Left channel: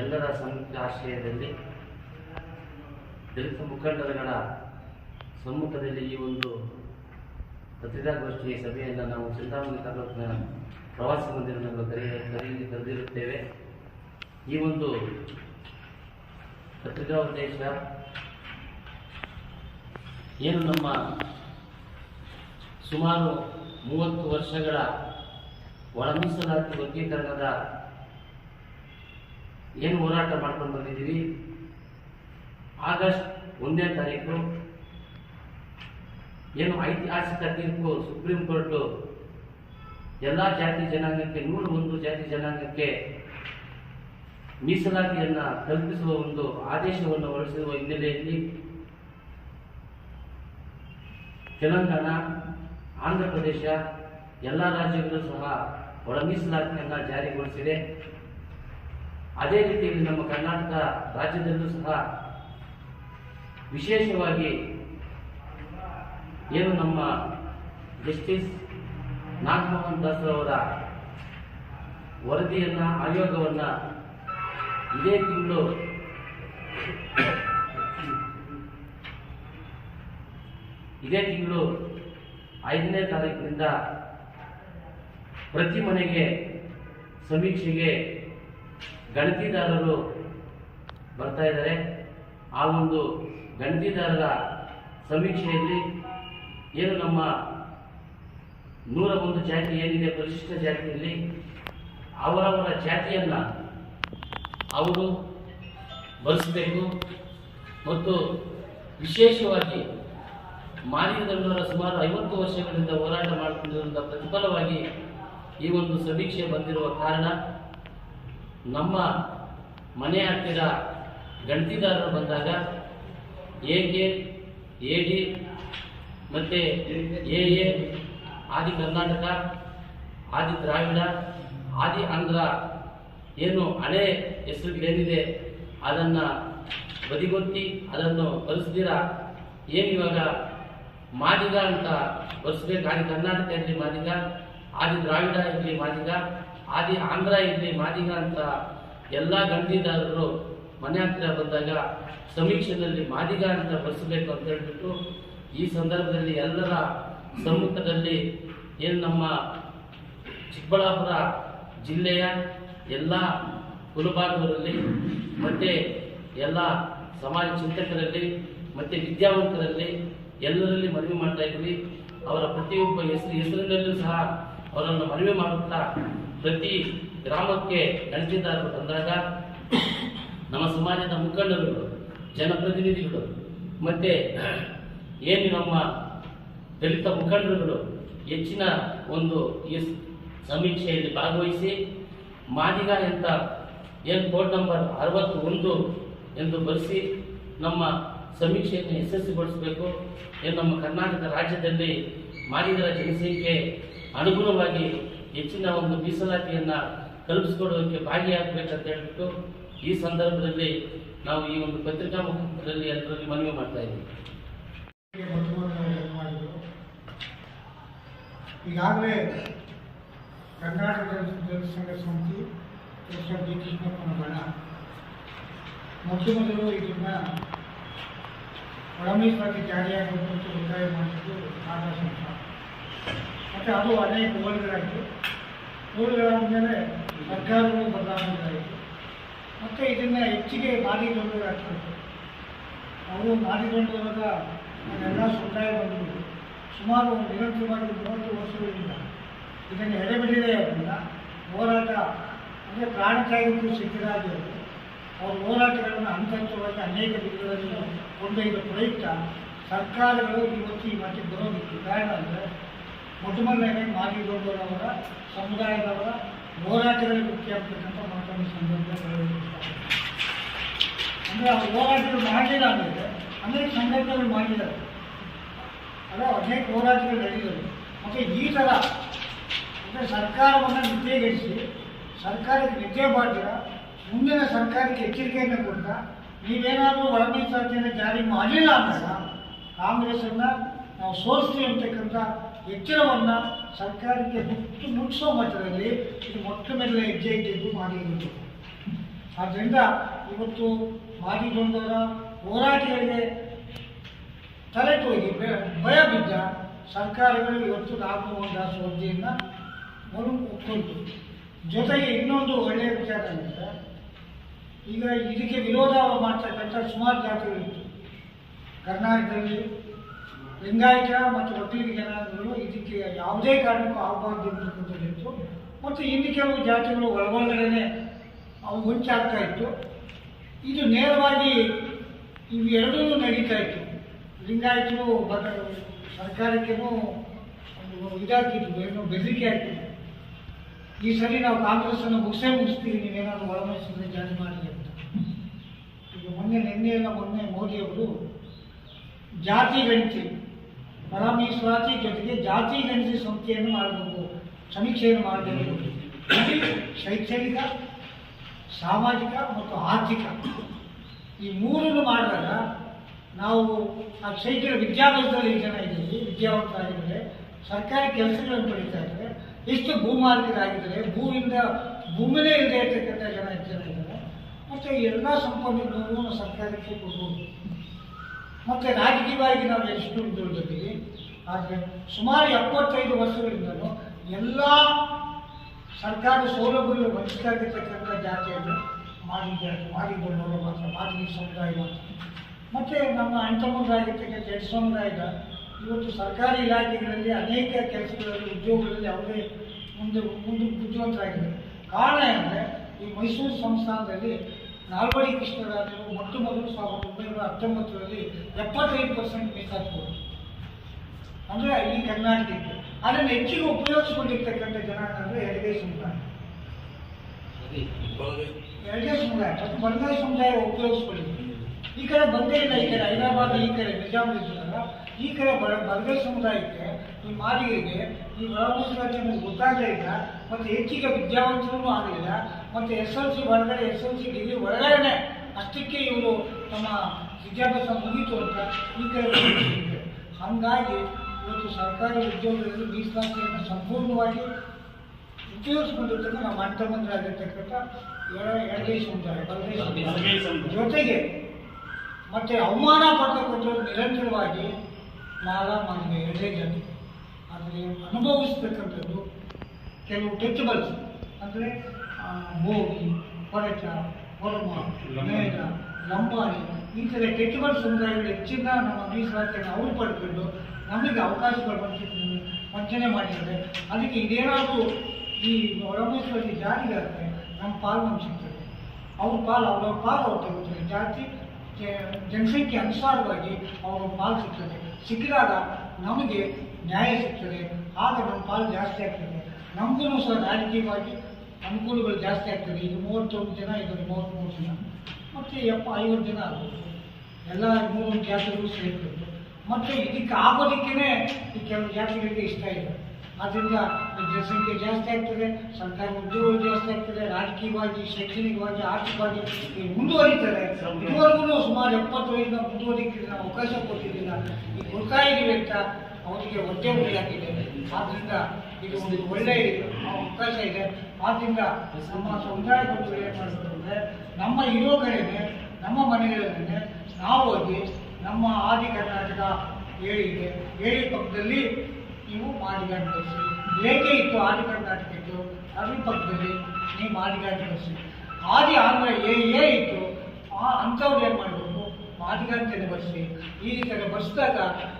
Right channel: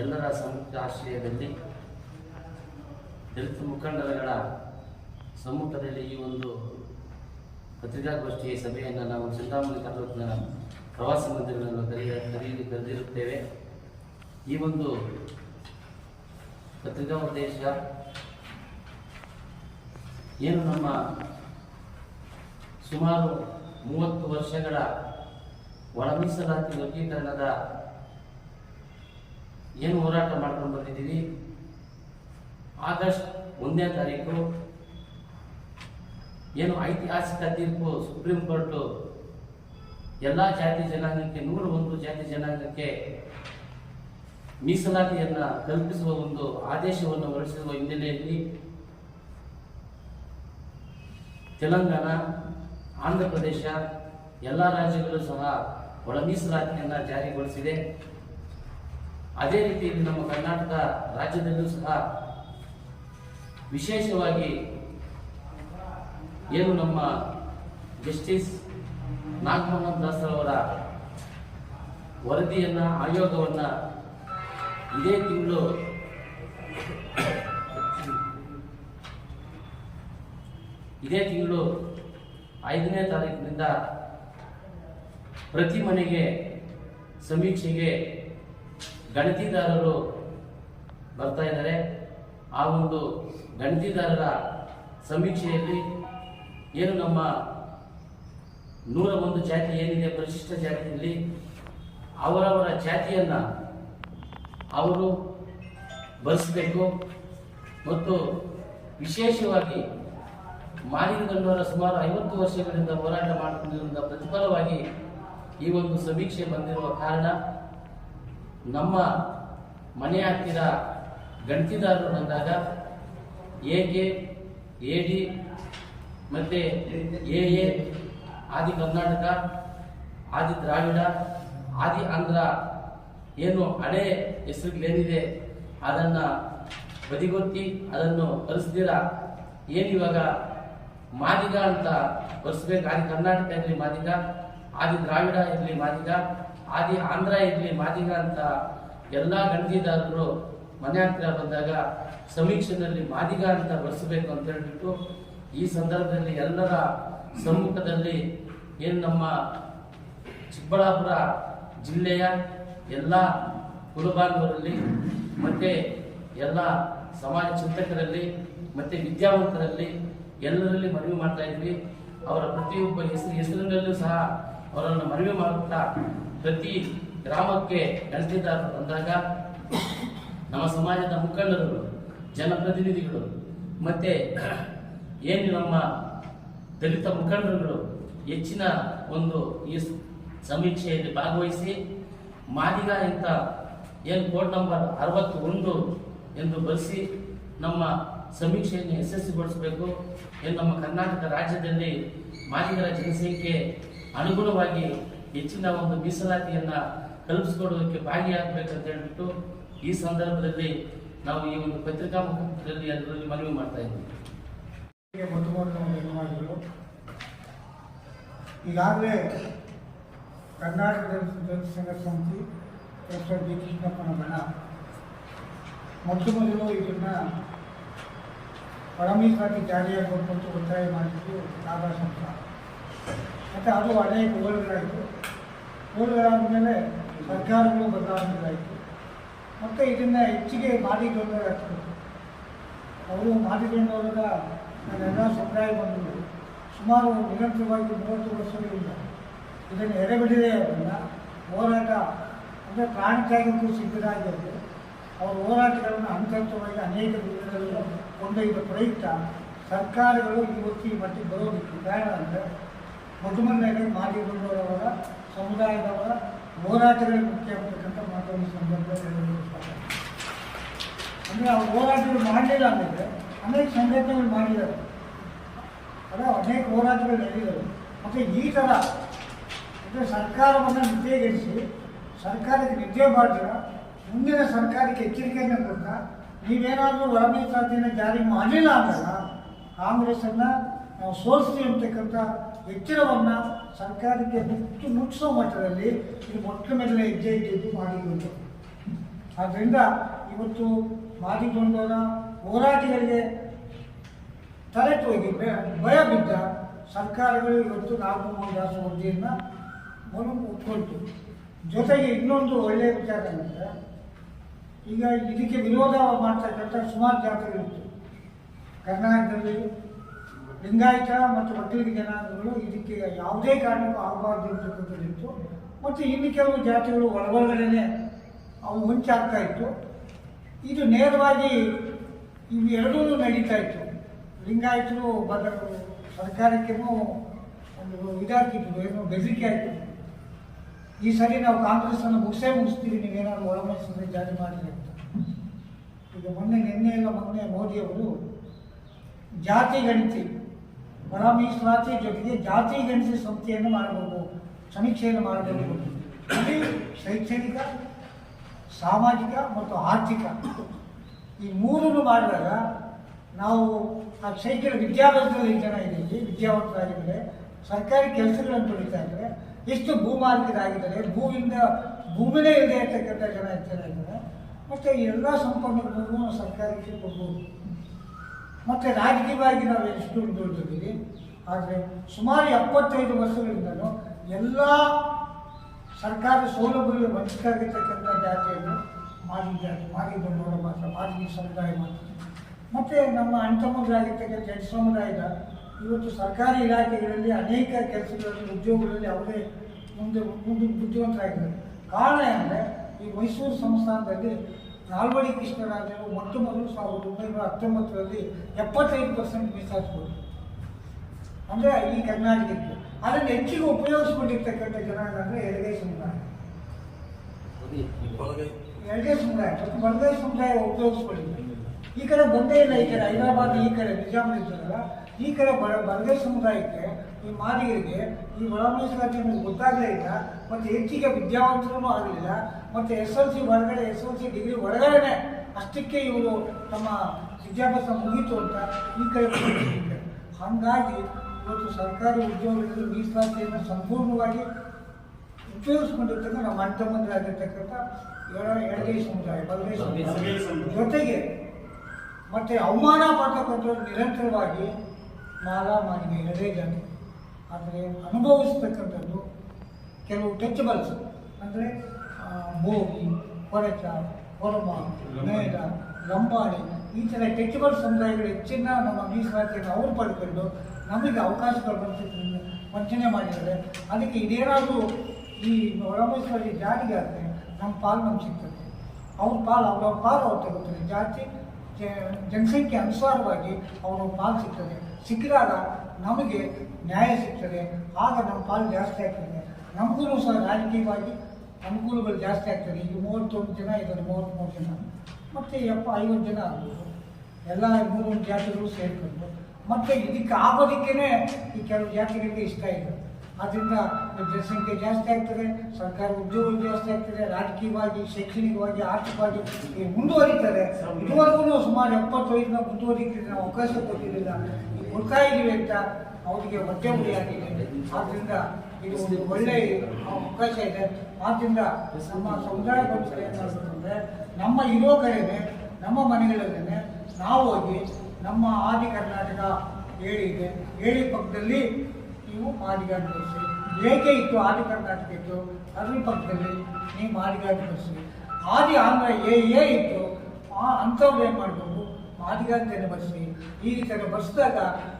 ಎಲ್ಲರ ಸಂಯುಕ್ತ ಆಶ್ರಯದಲ್ಲಿ ದಲಿತ ಮುಖಂಡರುಗಳ ಸಮ್ಮುಖದಲ್ಲಿ ಈ ಒಂದು ಪತ್ರಿಕಾಗೋಷ್ಠಿ ಸಭೆಯನ್ನು ನಾವು ಚಿಂತಾಮಣಿ ತಾಲೂಕಿನ ಪ್ರವಾಸಿ ಮಂದಿರವನ್ನು ಕರೆಯ ಕರೆಯಲು ಕರೆದಿರುತ್ತೇವೆ. ಈ ಒಂದು ಪತ್ರಿಕಾ ಉದ್ದೇಶ ಏನು ನಮ್ಮ ಸುಮಾರು ಮೂವತ್ತು ವರ್ಷಗಳ ಒಳಮೀಸಲಾತಿ ವರ್ಗೀಕರಣದ ಏನು ಹೋರಾಟ ಮಾಡ್ಕೊಂಡು ಬಂದಿದ್ದೀವಿ? ಆಗಸ್ಟ್ ಒಂದನೇ ತಾರೀಕು ಏನು ಐತಿಹಾಸಿಕ ತೀರ್ಪು ಸುಪ್ರೀಂ ಕೋರ್ಟು ಎಲ್ಲ ಜಾತಿ ಜನಾಂಗಕ್ಕೆ ನೂರು ಒಂದು ಜಾತಿ ಜನಾಂಗಕ್ಕೆ ಮೀಸಲಾತಿಯನ್ನು ಕಲ್ಪಿಸುವ ಒಂದು ಆದೇಶವನ್ನು ಹೊರಡಿಸಿರುವ ಹಿನ್ನೆಲೆಯಲ್ಲಿ ತೆಲಂಗಾಣ, ಆಂಧ್ರ ಪ್ರದೇಶ, ಎಲ್ಲ ರಾಜ್ಯಗಳು ಸಹ ಒಳ ಮೀಸಲಾತಿಯನ್ನು ಜಾರಿಗೊಳಿಸಿದೆ. ಅದೇ ರೀತಿಯಲ್ಲಿ ನಮ್ಮ ಕರ್ನಾಟಕ ರಾಜ್ಯದಲ್ಲೂ ಸಹ ವಿಶೇಷವಾಗಿ ಏನು ನಮ್ಮ ಜಸ್ಟಿಸ್ ನಾಗಮೋಹನ್ ದಾಸ್ರವರ ವರದಿಯನ್ನು, ಆಯೋಗವನ್ನು ಇದೇ ತಿಂಗಳು ಇದೇ ತಿಂಗಳು ಐದನೇ ತಾರೀಕಿನಿಂದ ಪ್ರತಿ ಮನೆಗೆ ಸಮೀಕ್ಷೆಗೆ ಗಣತಿದಾರರು ಬರ್ತಾ ಇದ್ದಾರೆ. ಆ ಒಂದು ಗಣತಿದಾರರ ಸಮೀಕ್ಷೆಯಲ್ಲಿ ಏನು ನಮ್ಮ ನೂರ ಒಂದು ಜಾತಿ ಏನಿದೆ, ಪರಿಶಿಷ್ಟ ಜಾತಿಯಲ್ಲಿ ಅವರವರ ಜಾತಿಯನ್ನು ಅವರು ಬಳಸಬೇಕು ಮತ್ತು ವಿಶೇಷವಾಗಿ ಮಾಲಿನ್ಯದಲ್ಲವರ ಸುಮಾರು ಐವತ್ತು ವರ್ಷಗಳಿಂದ ಹೋರಾಟ ಮಾಡುತ್ತಿರುವುದರಿಂದ ಪ್ರತಿಫಲವಾಗಿ ಈ ಒಂದು ಸಮೀಕ್ಷೆ ಬಂದಿರುವ ಕಾರಣ ನಮ್ಮ ಮನೆ ಹತ್ತಿರ ಗಣತಿದಾರರು ಬಂದಾಗ ಎ ಕೆ, ಎ ಡಿ ಮತ್ತು ಎ ಎ, ಆದಿ ಕರ್ನಾಟಕ, ಆದಿ ದ್ರಾವಿಡ, ಆದಿ ಆಂಧ್ರ ಏನು ಹಳೆ ಹೆಸರುಗಳೇನಿದೆ ಅದನ್ನು ಬದಿಗೊತ್ತಿ ಅದನ್ನು ಬರೆಸ್ದಿರ ಏನು ಇವಾಗ ಮಾದಿಗ ಅಂತ ಬರೆಸ್ಬೇಕು? ಆದಿ ಕರ್ನಾಟಕ ಇರಲಿ ಮಾದಿಗ, ಆದಿ ದ್ರಾವಿಡ ಇರಲಿ ಮಾದಿಗ ಆದಿ ಆಂಧ್ರ ಇರಲಿ ಮಾದಿಗ ಅಂತ ಎಲ್ಲ ಗಂಡಿದಾರರು ಮನೆ ಹತ್ರ ಬಂದಾಗ ಸಮೀಕ್ಷೆಯಲ್ಲಿ ಮಾದಿಗ ಅಂತ ಬಳಸಬೇಕು ಅಂತ ಹೇಳ್ಬಿಟ್ಟು ಈ ಸಂದರ್ಭದಲ್ಲಿ ಎಲ್ಲರ ಸಮ್ಮುಖದಲ್ಲಿ ಏನು ನಮ್ಮ ಚಿಕ್ಕಬಳ್ಳಾಪುರ ಜಿಲ್ಲೆಯ ಎಲ್ಲ ಕುಲಬಾಂಧವರಲ್ಲಿ ಮತ್ತು ಎಲ್ಲ ಸಮಾಜ ಚಿಂತಕರಲ್ಲಿ ಮತ್ತು ವಿದ್ಯಾವಂತರಲ್ಲಿ ಎಲ್ಲರಲ್ಲಿ ಮನವಿ ಮಾಡ್ತಾ ಇದ್ವಿ. ಅವರ ಪ್ರತಿಯೊಬ್ಬ ಹೆಸರು ಹೆಸರಿನಲ್ಲೂ ಸಹ ಅವರನ್ನು ಮನವಿ ಮಾಡುತ್ತಾ ಪ್ರತಿ ಗ್ರಾಮಕ್ಕೆ ಗಣತಿದಾರರು ಬಂದಾಗ ನಮ್ಮ ಸಮಾಜದ ಮುಖಂಡರುಗಳು, ಜನಪ್ರತಿನಿಧಿಗಳು, ಮತ್ತು ಏನು ನಮ್ಮ ದಲಿತ ಮುಖಂಡರುಗಳು ಹೆಚ್ಚಿನ ಒಂದು ಈ ಸಮೀಕ್ಷೆಯಲ್ಲಿ ಭಾಗವಹಿಸಿ ಮಾದಿಗ ಅಂತ ಏನು ಕೋಡ್ ನಂಬರ್ ಅರವತ್ತು ಒಂದು ಎಂದು ಬರೆಸಿ ನಮ್ಮ ಸಮೀಕ್ಷೆಯನ್ನು ಯಶಸ್ವಿಗೊಳಿಸಬೇಕು ಏನು ನಮ್ಮ ಕರ್ನಾಟಕ ರಾಜ್ಯದಲ್ಲಿ ಮಾದಿಗರ ಜನಸಂಖ್ಯೆ ಅನುಗುಣವಾಗಿ ಹೆಚ್ಚಿನ ಒಂದು ಮೀಸಲಾತಿಯನ್ನು ಕಲ್ಪಿಸಿಕೊಡೋದಕ್ಕೆ ಭಾಗಿಯಾಗಬೇಕಂತ ಹೇಳ್ಬಿಟ್ಟು ಈ ಸಂದರ್ಭದಲ್ಲಿ ನಾವು ಈ ಒಂದು ಪತ್ರಿಕಾ ಮುಖದಲ್ಲಿ ಅದರಲ್ಲಿ ಮನವಿ ಮಾಡ್ತಾ ಇದ್ದೀವಿ. ಈಗಾಗಲೇ ಕರ್ನಾಟಕ ಸಂಘ ಸಮಿತಿ ಪ್ರೊಫೆಸರ್ ಡಿ ಕೃಷ್ಣಪ್ಪನ ಬಣ. ಮೊಟ್ಟ ಮೊದಲು ಇದನ್ನು ಪರಮೇಶ್ವರಕ್ಕೆ ಜಾರಿಯಾಗಬೇಕು ಅಂತ ಒತ್ತಾಯ ಮಾಡಿದ್ದು ಕಾಂಗ್ರೆಸ್ ಸಂಘ ಮತ್ತು ಅದು ಅನೇಕ ಹೋಲ್ಗಳಾಯಿತು ಹೋಲ್ಗಳಾದ ಮೇಲೆ ಸರ್ಕಾರಗಳು ಬದಲಾವಣೆಗಳಾಯಿತು. ಮತ್ತು ಇದನ್ನು ಹೆಚ್ಚಿಗೆ ಮಾಡಿಕೊಂಡು ಹಚ್ಚಿಬಿಟ್ರು ಅವರು ಮಾಡಿಕೊಂಡವರಾಗ ನಾನೆಲ್ಲ ಸಮುದಾಯ ಬಂದಿದ್ದು ಸುಮಾರು ನಿರಂತರವಾಗಿ ಮೂವತ್ತು ವರ್ಷಗಳಿಂದ ಇದನ್ನು ಎಡೆಬಿಡಿದೆಯನ್ನ ಹೋರಾಟ ಅಂದರೆ ಪ್ರಾಣ ತ್ಯಾಗಕ್ಕೂ ಸಿದ್ಧರಾಗಿರೋದು. ಅವರ ಹೋರಾಟಗಳನ್ನು ಹಂತವಾಗಿ ಅನೇಕ ದಿನಗಳಲ್ಲಿ ಕೊಂಡೊಯ್ದ ಪ್ರಯುಕ್ತ ಸರ್ಕಾರಗಳು ಇವತ್ತು ಈ ಮಟ್ಟಿಗೆ ಬರೋದಿತ್ತು ಕಾರಣ ಅಂದರೆ ಮೊದಲನೇ ಮಾದಿಗೊಂಡವರವರ ಸಮುದಾಯದವರ ಹೋರಾಟಗಳೇ ಮುಖ್ಯ ಆಗ್ತಕ್ಕಂಥ ಮಾತನ್ನು ಸಂದರ್ಭದಲ್ಲಿ ಹೇಳಲು ಇಷ್ಟಪಡ್ತೀನಿ. ಅಂದರೆ ಅವ್ರು ಹೋರಾಟಗಳು ಮಾಡಲಿಲ್ಲ ಅಂದರೆ ಅನೇಕ ಸಂಘಟನೆಗಳು ಮಾಡಿದ್ದಾರೆ ಅದೇ ಅನೇಕ ಹೋರಾಟಗಳು ನಡೆದಿದ್ದಾರೆ ಮತ್ತು ಈ ಥರ ಅಂದರೆ ಸರ್ಕಾರವನ್ನು ನಿದ್ದೆಗೆಡಿಸಿ ಸರ್ಕಾರಕ್ಕೆ ನಿದ್ದೆ ಮಾಡಿದ ಮುಂದಿನ ಸರ್ಕಾರಕ್ಕೆ ಎಚ್ಚರಿಕೆಯನ್ನು ಕೊಡ್ತಾ ನೀವೇನಾದರೂ ಒಳ ಜಾರಿ ಮಾಡಲಿಲ್ಲ ಅಂದಾಗ ಕಾಂಗ್ರೆಸ್ಸನ್ನು ನಾವು ಸೋಲಿಸ್ತೀವಿ ಅಂತಕ್ಕಂಥ ಎಚ್ಚರವನ್ನು ಸರ್ಕಾರಕ್ಕೆ ಮುಚ್ಚು ಮುಟ್ಟಿಸೋ ಮಟ್ಟದಲ್ಲಿ ಇದು ಮೊಟ್ಟ ಮೊದಲ ಹೆಜ್ಜೆ ಇಟ್ಟಿದ್ದು ಮಾಡಿರುವುದು ಆದ್ದರಿಂದ ಇವತ್ತು ಮಾದಿಗೊಂಡರ ಹೋರಾಟಗಳಿಗೆ ತಲೆ ತೋಗಿ ಭಯ ಬಿದ್ದ ಸರ್ಕಾರಗಳು ಇವತ್ತು ನಾಗಮೋಹನ್ ದಾಸ್ ವರದಿಯನ್ನು ಮರು ಒಪ್ಕೊಳ್ತು ಜೊತೆಗೆ ಇನ್ನೊಂದು ಒಳ್ಳೆಯ ವಿಚಾರ ಅಂದರೆ ಈಗ ಇದಕ್ಕೆ ವಿರೋಧ ಮಾಡ್ತಕ್ಕಂಥ ಸುಮಾರು ಜಾತಿಗಳಿತ್ತು. ಕರ್ನಾಟಕದಲ್ಲಿ ಲಿಂಗಾಯತ ಮತ್ತು ಒಕ್ಕಲಿಗ ಜನಾಂಗಗಳು ಇದಕ್ಕೆ ಯಾವುದೇ ಕಾರಣಕ್ಕೂ ಆಗಬಾರ್ದು ಅಂತಕ್ಕಂಥದ್ದಿತ್ತು ಮತ್ತು ಇನ್ನು ಕೆಲವು ಜಾತಿಗಳು ಒಳಗೊಳಗಡೆ ಅವು ಮುಂಚಾಗ್ತಾ ಇತ್ತು. ಇದು ನೇರವಾಗಿ ಇವೆರಡೂ ನಡೀತಾ ಇತ್ತು. ಲಿಂಗಾಯತರು ಬದ ಸರ್ಕಾರಕ್ಕೇನೂ ಒಂದು ಇದಾಗ್ತಿತ್ತು, ಏನೋ ಬೆದರಿಕೆ ಆಗ್ತಿತ್ತು. ಈ ಸರಿ ನಾವು ಕಾಂಗ್ರೆಸ್ಸನ್ನು ಮುಗಿಸೇ ಮುಗಿಸ್ತೀವಿ, ನೀವೇನಾದರೂ ಒಳಮನಸ್ಸಿದ್ರೆ ಜಾರಿ ಮಾಡಿದೆ ಅಂತ. ಈಗ ಮೊನ್ನೆ ನಿನ್ನೆ ಎಲ್ಲ ಮೊನ್ನೆ ಮೋದಿಯವರು ಜಾತಿ ಗಣತಿ ಪರ ಮೀಸಲಾತಿ ಜೊತೆಗೆ ಜಾತಿ ಗಣಿಸಿ ಸಂಸ್ಥೆಯನ್ನು ಮಾಡಬೇಕು, ಸಮೀಕ್ಷೆಯನ್ನು ಮಾಡಬೇಕು. ಶೈಕ್ಷಣಿಕ, ಸಾಮಾಜಿಕ ಮತ್ತು ಆರ್ಥಿಕ ಈ ಮೂರನ್ನು ಮಾಡಿದಾಗ ನಾವು ಆ ಶೈಕ್ಷಣಿಕ ವಿದ್ಯಾಭ್ಯಾಸದಲ್ಲಿ ಜನ ಇದ್ದೀವಿ, ವಿದ್ಯಾವಂತರಾಗಿದ್ದಾರೆ, ಸರ್ಕಾರಿ ಕೆಲಸಗಳನ್ನು ಪಡಿತಾ ಇದ್ದಾರೆ, ಎಷ್ಟು ಭೂಮಾಲಿಕರಾಗಿದ್ದಾರೆ ಭೂಮಿಯಿಂದ ಭೂಮಿನೇ ಇಲ್ಲದೆ ಇರ್ತಕ್ಕಂಥ ಜನ ಜನ ಇದ್ದಾರೆ. ಮತ್ತು ಎಲ್ಲ ಸಂಪನ್ಮೂಲಗಳನ್ನು ಸರ್ಕಾರಕ್ಕೆ ಕೊಡ್ಬೋದು. ಮತ್ತು ರಾಜಕೀಯವಾಗಿ ನಾವು ಎಷ್ಟು ಹಿಂದುಳಿದಿದ್ದೀವಿ ಆದರೆ ಸುಮಾರು ಎಪ್ಪತ್ತೈದು ವರ್ಷಗಳಿಂದಲೂ ಎಲ್ಲ ಸರ್ಕಾರಿ ಸೌಲಭ್ಯಗಳು ವಂಚಿತರಾಗಿರ್ತಕ್ಕಂಥ ಜಾತಿಯನ್ನು ಮಾಡಿದ್ದಾರೆ ಮಾದಿಗೊಂಡವರು ಮಾತ್ರ ಮಾದಿಗ ಸಮುದಾಯ ಮಾತ್ರ. ಮತ್ತು ನಮ್ಮ ಅಣ್ತಮ್ಮರಾಗಿರ್ತಕ್ಕಂಥ ಜಡ್ ಸಮುದಾಯದ ಇವತ್ತು ಸರ್ಕಾರಿ ಇಲಾಖೆಗಳಲ್ಲಿ ಅನೇಕ ಕೆಲಸಗಳಲ್ಲಿ, ಉದ್ಯೋಗಗಳಲ್ಲಿ ಅವರೇ ಮುಂದೆ ಮುಂದೆ ಬುದ್ಧಿವಂತರಾಗಿದ್ದಾರೆ ಕಾರಣ ಅಂದರೆ ಈ ಮೈಸೂರು ಸಂಸ್ಥಾನದಲ್ಲಿ ನಾಲ್ವಡಿ ಕೃಷ್ಣರಾಜರು ಮೊಟ್ಟ ಮೊದಲು ಸಾವಿರದ ಒಂಬೈನೂರ ಹತ್ತೊಂಬತ್ತರಲ್ಲಿ ಎಪ್ಪತ್ತೈದು ಪರ್ಸೆಂಟ್ ಮೀಸಲಾತಿ ಕೊಟ್ಟರು. ಅಂದರೆ ಈ ಕರ್ನಾಟಕಕ್ಕೆ. ಅದನ್ನು ಹೆಚ್ಚಿಗೆ ಉಪಯೋಗಿಸ್ಕೊಂಡಿರ್ತಕ್ಕಂಥ ಜನಾಂಗ ಅಂದರೆ ಎರಡೇ ಸಮುದಾಯ. ಎರಡೇ ಸಮುದಾಯ ಮತ್ತು ಬಂದೇ ಸಮುದಾಯ ಉಪಯೋಗಿಸ್ಕೊಂಡಿದ್ರು ಈ ಕಡೆ ಬಂದೇ ಇಲ್ಲ ಈ ಕಡೆ ಹೈದರಾಬಾದ್ ಈ ಕಡೆ ನಿಜಾಮ್ ಇದ್ದಾರಲ್ಲ ಈ ಕಡೆ ಬ ಬರ್ಗೇ ಸಮುದಾಯಕ್ಕೆ ಈ ಮಾದಿಗರಿಗೆ ಈ ಒಳ ಮೀಸಲಾತಿ ಅನ್ನೋದು ಗೊತ್ತಾಗಲೇ ಇಲ್ಲ ಮತ್ತು ಹೆಚ್ಚಿಗೆ ವಿದ್ಯಾವಂತರೂ ಆಗಲಿಲ್ಲ ಮತ್ತು ಎಸ್ ಎಲ್ ಸಿ ಹೊರಗಡೆ ಎಸ್ ಎಲ್ ಸಿ ಡಿಗ್ರಿ ಹೊರಗಡೆ ಅಷ್ಟಕ್ಕೆ ಇವರು ತಮ್ಮ ವಿದ್ಯಾಭ್ಯಾಸ ಮುಗೀತು ಅಂತ ಈ ಕಡೆ ಹಾಗಾಗಿ ಇವತ್ತು ಸರ್ಕಾರಿ ಉದ್ಯೋಗಗಳಲ್ಲಿ ಮೀಸಲಾತಿಯನ್ನು ಸಂಪೂರ್ಣವಾಗಿ ಉಪಯೋಗಿಸ್ಕೊಂಡಿರ್ತಕ್ಕ ನಮ್ಮ ಅಣ್ಣತಮ್ಮಂದರಾಗಿರ್ತಕ್ಕಂಥ ಇವರ ಎಡಗೈ ಸಮುದಾಯ ಬಲಗೈ ಸಮುದಾಯ. ಜೊತೆಗೆ ಮತ್ತೆ ಅವಮಾನ ಪಡ್ತಕ್ಕಂಥವ್ರು ನಿರಂತರವಾಗಿ ಮಾಲ ಮಾಲಿನ್ಯ ಎರಡೇ ಜಾತಿ. ಆದರೆ ಅನುಭವಿಸ್ತಕ್ಕಂಥದ್ದು ಕೆಲವು ಟಚಬಲ್ಸ್. ಅಂದರೆ ಭೋಗಿ ಕೊರಚ ಹೊರಮ ಲಂಬಾಣಿ ಈ ಥರ ಕೆಟ್ಟಗಳು ಸಮುದಾಯಗಳು ಹೆಚ್ಚಿನ ನಮ್ಮ ಮೀಸಲಾತಿಯನ್ನು ಅವರು ಪಡ್ಕೊಂಡು ನಮಗೆ ಅವಕಾಶಗಳು ವಂಚನೆ ವಂಚನೆ ಮಾಡಿದ್ದಾರೆ ಅದಕ್ಕೆ ಇದೇನಾದರೂ ಈ ಹೊರಮೇಶ್ವರಿ ಜಾರಿಗಾದರೆ ನಮ್ಮ ಪಾಲು ನಮ್ಗೆ ಸಿಗ್ತದೆ. ಅವ್ರ ಪಾಲು ಅವ್ರ ಪಾಲು ಅವ್ರು ತಗೋತಾರೆ ಜಾತಿ ಜನಸಂಖ್ಯೆ ಅನುಸಾರವಾಗಿ ಅವ್ರ ಪಾಲು ಸಿಗ್ತದೆ. ಸಿಕ್ಕಿದಾಗ ನಮಗೆ ನ್ಯಾಯ ಸಿಗ್ತದೆ. ಆಗ ನಮ್ಮ ಪಾಲು ಜಾಸ್ತಿ ಆಗ್ತದೆ. ನಮಗೂ ಸಹ ರಾಜಕೀಯವಾಗಿ ಅನುಕೂಲಗಳು ಜಾಸ್ತಿ ಆಗ್ತದೆ. ಈಗ ಮೂವತ್ತೊಂದು ಜನ ಇದ್ದಾರೆ ಮೂವತ್ತ್ಮೂರು ಜನ. ಮತ್ತು ಎಪ್ಪ ಐವತ್ತು ಜನ ಆಗ್ಬೋದು. ಎಲ್ಲ ಮೂರು ಜಾತಿಗಳು ಸೇರ್ಕೊಂಡು. ಮತ್ತು ಇದಕ್ಕೆ ಆಗೋದಕ್ಕೇ ಈ ಕೆಲವು ಜಾತಿಗಳಿಗೆ ಇಷ್ಟ ಇಲ್ಲ. ಆದ್ದರಿಂದ ಜನಸಂಖ್ಯೆ ಜಾಸ್ತಿ ಆಗ್ತದೆ, ಸರ್ಕಾರಿ ಉದ್ಯೋಗಗಳು ಜಾಸ್ತಿ ಆಗ್ತದೆ, ರಾಜಕೀಯವಾಗಿ, ಶೈಕ್ಷಣಿಕವಾಗಿ, ಆರ್ಥಿಕವಾಗಿ ಈ ಮುಂದುವರಿತಾರೆ ಇದುವರೆಗೂ ಸುಮಾರು ಎಪ್ಪತ್ತು ವಯಸ್ಸಿನ ಮುಂದುವರಿಕೆ ನಾವು ಅವಕಾಶ ಕೊಟ್ಟಿದ್ದಿಲ್ಲ. ಈ ಇದ್ದೀವಿ ಅಂತ ಅವರಿಗೆ ಒದ್ದೆ ಉಳಿಯಾಗಿದೆ. ಆದ್ದರಿಂದ ಇದು ಒಂದು ಒಳ್ಳೆಯ ಅವಕಾಶ ಇದೆ. ಆದ್ದರಿಂದ ನಮ್ಮ ಸಮುದಾಯ ಏನು ಮಾಡಬೇಕು ನಮ್ಮ ಇರೋ ಕಡೆಗೆ ನಮ್ಮ ಮನೆಗಳಲ್ಲೇ ನಾವು ಹೋಗಿ ನಮ್ಮ ಆದಿ ಕರ್ನಾಟಕ ಏಳಿಗೆ ಏಳಿ ಪಕ್ಕದಲ್ಲಿ ನೀವು ಮಾದಿಗಾಡಿ ಬರೆಸಿ ಏಕೆ ಇತ್ತು ಆದಿ ಕರ್ನಾಟಕ ಇತ್ತು? ಅದ್ರ ಪಕ್ಕದಲ್ಲಿ ನೀವು ಮಾದಿಗಾಡಿ ಬರೆಸಿ ಆದಿ ಆಂಧ್ರ ಏ ಏ ಇತ್ತು ಆ ಅಂಥವ್ರು ಏನು ಮಾಡಬೇಕು? ಮಾದಿಗಾಡ್ತೇನೆ ಬರೆಸಿ ಈ ರೀತಿಯಾಗಿ ಬರೆಸಿದಾಗ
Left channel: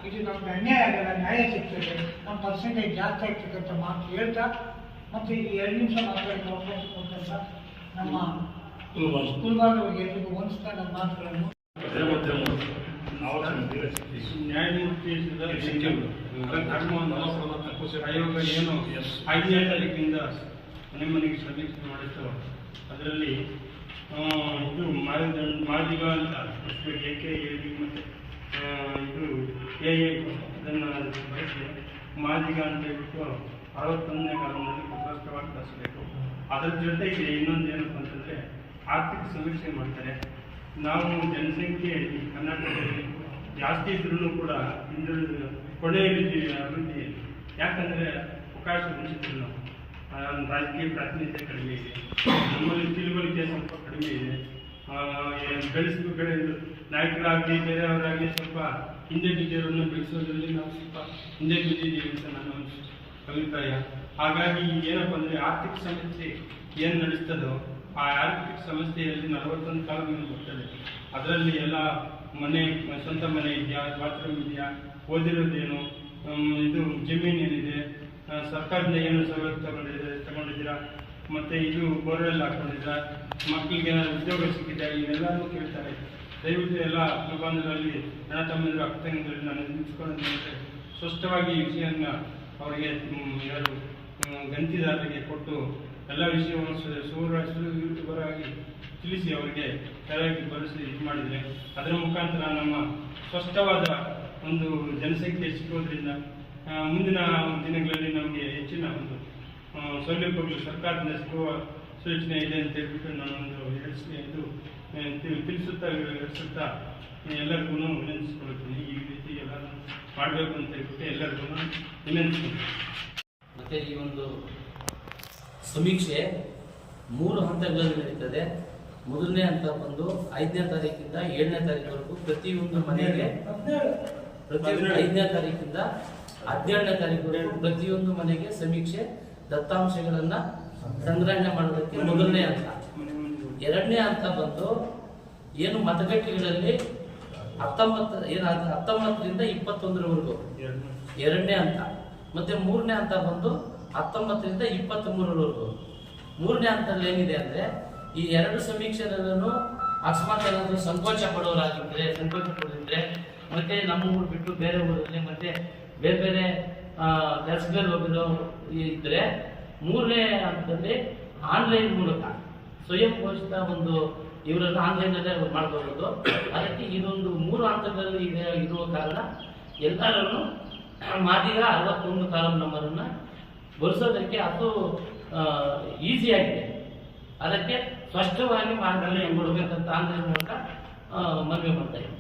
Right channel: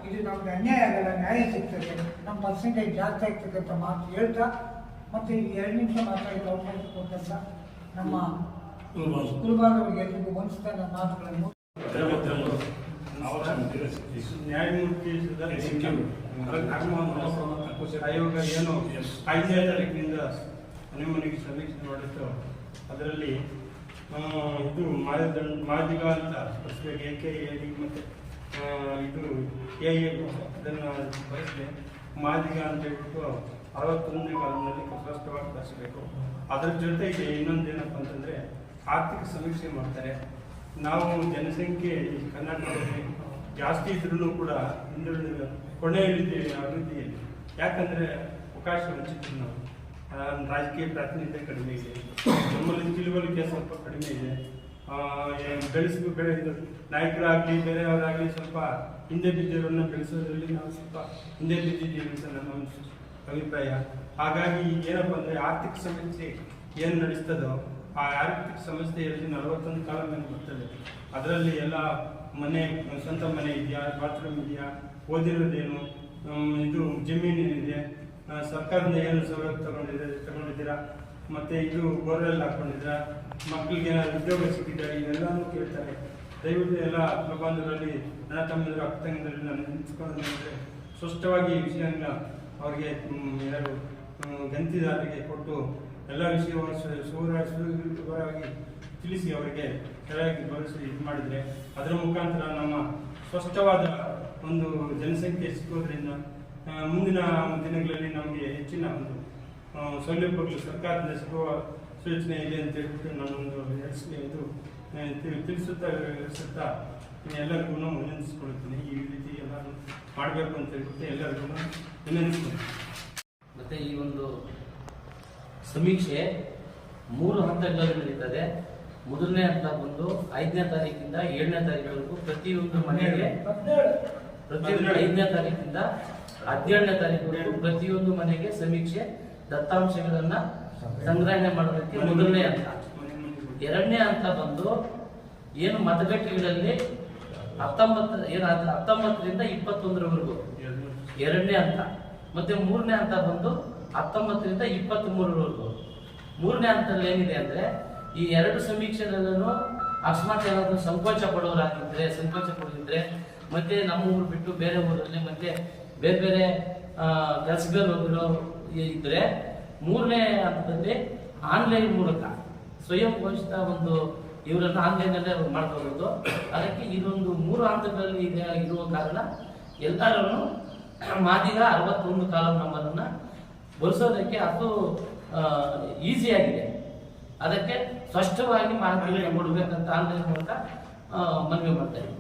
ಇದು ನಮ್ಗೆ ಅನ್ಯಾಯ ಆಗಲ್ಲ ನ್ಯಾಯ ಸಿಗ್ತದೆ. ನಮ್ಮ ಪರ್ಸೆಂಟೇಜ್ ಜಾಸ್ತಿ ಆಗ್ತಕ್ಕಂಥ ಮಾತು ಹೇಳ್ತಾ ಮತ್ತು ಈ ಎರಡು ನಿಮಿಷ ಮಾತಾಡೋಕ್ಕೆ ಅವಕಾಶ ಕೊಟ್ಟಂತ ನಮ್ಮ ಸ್ಕೂಲ್ ಎಲ್ರಿಗೂ ಹೊಂದಿಸ್ತಾ ನನ್ನ ಮಾತುಗಳನ್ನು ನ್ಯಾಯಮೂರ್ತಿ ಆಯೋಗ ಏನು ಐದನೇ ತಾರೀಕಿನಿಂದ ಮನೆ ಮನೆಗೆ ಸಮೀಕ್ಷೆ ಮಾಡಿತ್ತು ಅದರಲ್ಲಿ ಇದು ಮಾದಿಗ ಮಾದಿಗ ಅಂತ ಎ ಕೆ ಮತ್ತು ಇದು ಎ ಎ ಅದನ್ನು ಬಳಸಿ ಮಾದಿಗ ಅಂತ ಹೇಳ್ಬಿಟ್ಟು ಅರವತ್ತೊಂದನೇ ಕಾಲದಲ್ಲಿ ಪ್ರಶಸ್ತವಾಗಿ ಬಳಸಬೇಕು ಅದರ ಜೊತೆಗೆ ಇನ್ನೊಂದು ಏನಪ್ಪ ಅಂತಂದರೆ ಆರ್ಥಿಕ ಸಮೀಕ್ಷೆ ಮಾಡ್ತಾರೆ. ನಾವು ಜನಸಂಖ್ಯೆ ಕರ್ನಾಟಕದಲ್ಲಿ ಜಾಸ್ತಿ ಇದ್ರೂ ಕೂಡ ಹಿಂದುಳಿದ ಕೊನೆಯಲ್ಲಿದ್ದೀವಿ ಅಭಿವೃದ್ಧಿಯಲ್ಲಿ. ಯಾಕಂದರೆ ಅವಕಾಶ ವಂಚಿತರು ನಾವು. ರಾಜಕೀಯ ಪ್ರಾತಿನಿಧ್ಯ ಕಡಿಮೆ ಇದೆ. ನಮ್ಮಲ್ಲಿ ತಿಳುವಳಿಕೆ ಸ್ವಲ್ಪ ಕಡಿಮೆ ಇದೆ. ಬೆಳೆಸ್ಬೇಕು ಬೆಳೆದು ನಾಯಕರಾಗಲಿ, ಬೇರೆಯವರಾಗಲಿ ಸ್ವಲ್ಪ ಹಿಂದೆ ಬಿದ್ದಿರೋನ್ನ ಬೆಳೆಸೋದ್ರಲ್ಲಿ ನಾವು ಸ್ವಲ್ಪ ಹಿಂದೆ ಬಿದ್ದಿದ್ದೀವಿ ಅಂತ ನನ್ನ ಅಭಿಪ್ರಾಯ. ಹಾಗಾಗಿ ಏನಪ್ಪ ಅಂದರೆ ಆರ್ಥಿಕ ಸಮಸ್ಯೆ ಏನು ನಡೆಸ್ತದೋ ಆ ಆರ್ಥಿಕ ಸಂಸ್ಥೆಯಲ್ಲಿ ನಲವತ್ತೊಂದು ಕಾಲ ಮೇಲೆ ಬರ್ತದೆ. ಅದರಲ್ಲಿ ಎಲ್ಲ ಮನೆ, ಸ್ವಂತ ಮನೆ ಇದೆಯಾ ಬಾತ್ರೂಮ್ ಇದೆಯಾ, ಓದಿರೋದೇನು ಇದು ಜಮೀನು ಏನಿದೆ ಸರ್ಕಾರದಿಂದ ಏನು ಸವಲತ್ತು ತಗೊಂಡಿದೆ, ತಗೊಂಡಿದ್ದೀರಾ? ಮತ್ತು ಇದು ಬೋರ್ವೆಲ್ ಹಾಕ್ಕೊಂಡಿದ್ದೀರಾ ಮಕ್ಕಳಿಗೆ ಏನಾದ್ರು ಉದ್ಯೋಗ ಸಿಕ್ಕಿದೆ ಇವೆಲ್ಲನೂ ಕೇಳ್ತಾರೆ. ದಯವಿಟ್ಟು ಎಲ್ಲ ಪ್ರಬಂಧದಲ್ಲಿ ಅಣ್ಣ ತಮ್ಮಂದಿರು, ಅಕ್ಕ ತಂಗಿದ್ರಲ್ಲಿ ನಾನು ನಿಂತ್ಕೊಂಡು ಸ್ಪಷ್ಟವಾಗಿ ಈ ವಿಷಯನ ಅವರಿಗೆ ಯಾರು ಗಂತಿದಾರರಿಗೆ ಕೊಟ್ಟು ಎಲ್ಲ ವಿಷಯವನ್ನು ಸೂರ್ಯ ಸುವರ ಸುವರಾಗಿ ತಿಳಿಸಿ ಅವರಿಗೆ ಸರಿಯಾಗಿ ಭರವಸೆ ಇದು ಮಾಡಿದರೆ ಅದರ ಮುಖಾಂತರ ನಮ್ಮ ಸ್ಪಷ್ಟವಾದ ಒಂದು ಜನಸಂಖ್ಯೆ ಸಿಗೋದ್ರಿಂದ ಮುಂದಿನ ದಿನಗಳಲ್ಲಿ ನಮಗೆ ಹೆಚ್ಚಿನ ಒಂದು ಸೌಲಭ್ಯಗಳು ಸರ್ಕಾರದಿಂದ ಸಿಗುವ ಸೂಚನೆ ಇದೆ ಅಂತ ಹೇಳ್ಬಿಟ್ಟು ನಾನೊಂದು ಎಡ್ಸ್ ಇದು ತಿಳಿಸುತ್ತಾ ಎಲ್ಲರಿಗೂ ವಿನಂತಿಸ್ಕೊಳ್ತೀನಿ ಈ ರೀತಿ ಎಲ್ಲ ಮಾಡಬೇಕು ಅಂತ ಹೇಳ್ಬಿಟ್ಟು ಎಲ್ಲರಿಗೂ ವಿನಂತಿಸ್ತೀನಿ. ಮತ್ತು ಈ ಒಂದು ಸಮೀಕ್ಷೆ ಮೂರು ಹಂತಗಳಲ್ಲಿ ನಡೀತದೆ. ಮೊದಲನೇ ಹಂತ ಬಂದು ಐದನೇ ತಾರೀಕಿಂದ ಏಳನೇ ತಾರೀಕುವರೆಗೂ ಪ್ರತಿಯೊಂದು ಮನೆಗೆ ಪ್ರತಿಯೊಂದು ಐದನೇ ತಾರೀಕಿಂದ ಹದಿನೇಳನೇ ತಾರೀಕುವರೆಗೂ ಪ್ರತಿಯೊಂದು ಮನೆಗೆ ಸಮೀಕ್ಷೆ ದತ್ತಾಂಶಗಳನ್ನ ಸಂಗ್ರಹಣೆ ಮಾಡೋದಕ್ಕೆ ಮೊದಲನೇ ಹಂತ. ಎರಡನೇ ಹಂತ ಬಂದು ಏನು ಮತಗಟ್ಟೆಗಳಲ್ಲಿ ಹತ್ತೊಂಬತ್ತು ಏನು ಹತ್ತೊಂಬತ್ತರಿಂದ ಇಪ್ಪತ್ತೊಂದರವರೆಗೂ ಎರಡು ಎರಡನೇ ಹಂತ. ಮತ್ತೆ ಮೂರನೇ ಹಂತ ಬಂದು ಹತ್ತೊಂಬತ್ತರಿಂದ ಇಪ್ಪತ್ತ್ ಮೂರರವರೆಗೂ ಮೂರನೇ ಹಂತದಲ್ಲಿ ಏನಿದೆ ಅಂದ್ರೆ, ಈ ಎರಡು ಸಮೀಕ್ಷೆದಲ್ಲೂ ಅಕಸ್ಮಾತ್ ಏನಾದರೂ ಸಂಕೋಚ ಪಡೋರಾಗಿದ್ರೆ ಸಂಕೋಚ ಮತ್ತೆ ನಮ್ಮ ಊರು ಬಿಟ್ಟು ಬೇರೆ ಊರಲ್ಲಿ, ಮತ್ತೆ ಬೇರೆ ಬೇರೆ ಕೆಲಸದಲ್ಲಿ ಹೋಗಿರೋ ಇದ್ರೆ, ಮೂರನೇ ಹಂತದಲ್ಲಿ ಆನ್ಲೈನ್ ಮೂಲಕ ಸ್ವಯಂ ಘೋಷಿತ ಒಂದು ಇವರನ್ನು ಆನ್ಲೈನಲ್ಲೇ ಮಾಡ್ಕೋಬೋದು. ಅದಕ್ಕೆ ಇದೊಂದು ಮೂರು ಹಂತಗಳಲ್ಲಿ ಇದೆ, ಇರುವ ಕಾರಣ ಎಲ್ಲರನ್ನು ಮಾದಿಗ ಅರವತ್ತೊಂದು ಕಾಲಂ ನಂಬರನ್ನು ಬಳಸೋದಕ್ಕೆ ಅದು ಈಸಿಯಾಗಿದೆ ಅದಕ್ಕೆ ಸ್ಪಷ್ಟವಾಗಿ ಮಾಹಿತಿ ಕೊಡಬೇಕಂತ ಆನ್ಲೈನ್ ಮೂಲಕ ಮನವಿ ಮಾಡ್ತಾ ಇದ್ದೀನಿ.